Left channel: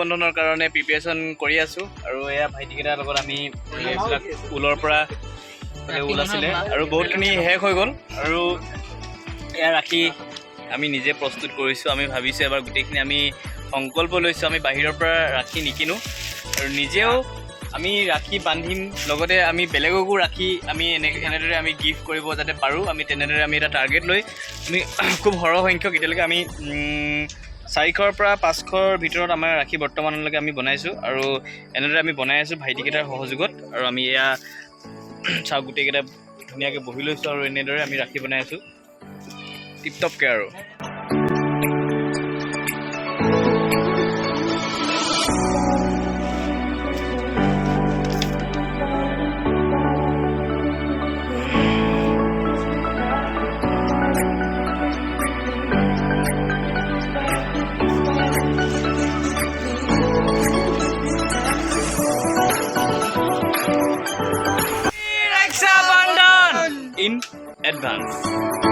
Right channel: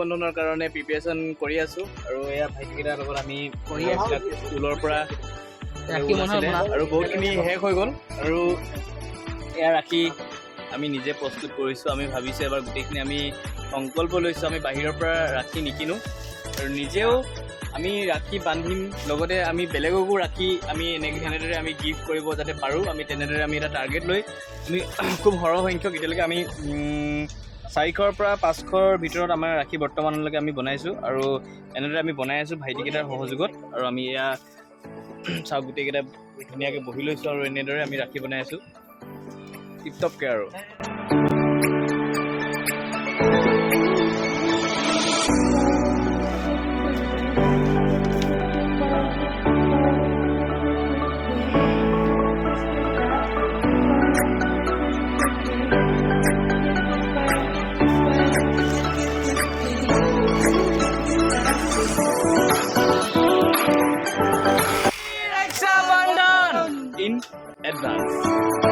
বন্ধনৰ কাৰণে প্ৰিপেৰেশ্যন কৰি আছোঁ আৰু এয়া ভাইটিকেইটাৰ লগত আমি এইবিলাক ঊলৰ পৰা ঊল আছিলে আৰু বহুতখিনি শেষ হৈ গ'ল আৰু এয়া ৰাখি আমি নিজে প্ৰস্তুত কৰিছোঁ। আমি ভাবিছোঁ এবাৰ গোটেইখিনি আমি সংকল্প লৈছোঁ আমি বাহিৰৰ পৰা ৰাখি নিকিনো আৰু নিজেও আমি ৰাখি বান্ধিম, লগতে আমি বেলেগকো ৰাখি আমি এনেদৰে আমি গিফ্ট কৰিব যাতে পাৰোঁ। আমি তেনেদৰে আমি এটা টাৰ্গেট লৈ আমি খুব সৰহ সংখ্যক এতিয়ালৈকে আমি 400ৰ পৰা 500ৰ ভিতৰত আমাৰ ৰাখি বৰ্তমানলৈকে আমি বনাইছোঁ আৰু এনেদৰে আমি বনাই আছোঁ ভাইটিকেইটাৰ সহযোগত। আৰু আমি এয়া চাওক গোটেইকেইটা ধুনীয়াকৈ বহি লৈছোঁ আৰু এনেদৰে আমি ৰাখি বনাই আছোঁ টিপটপকৈ আৰু। In advance.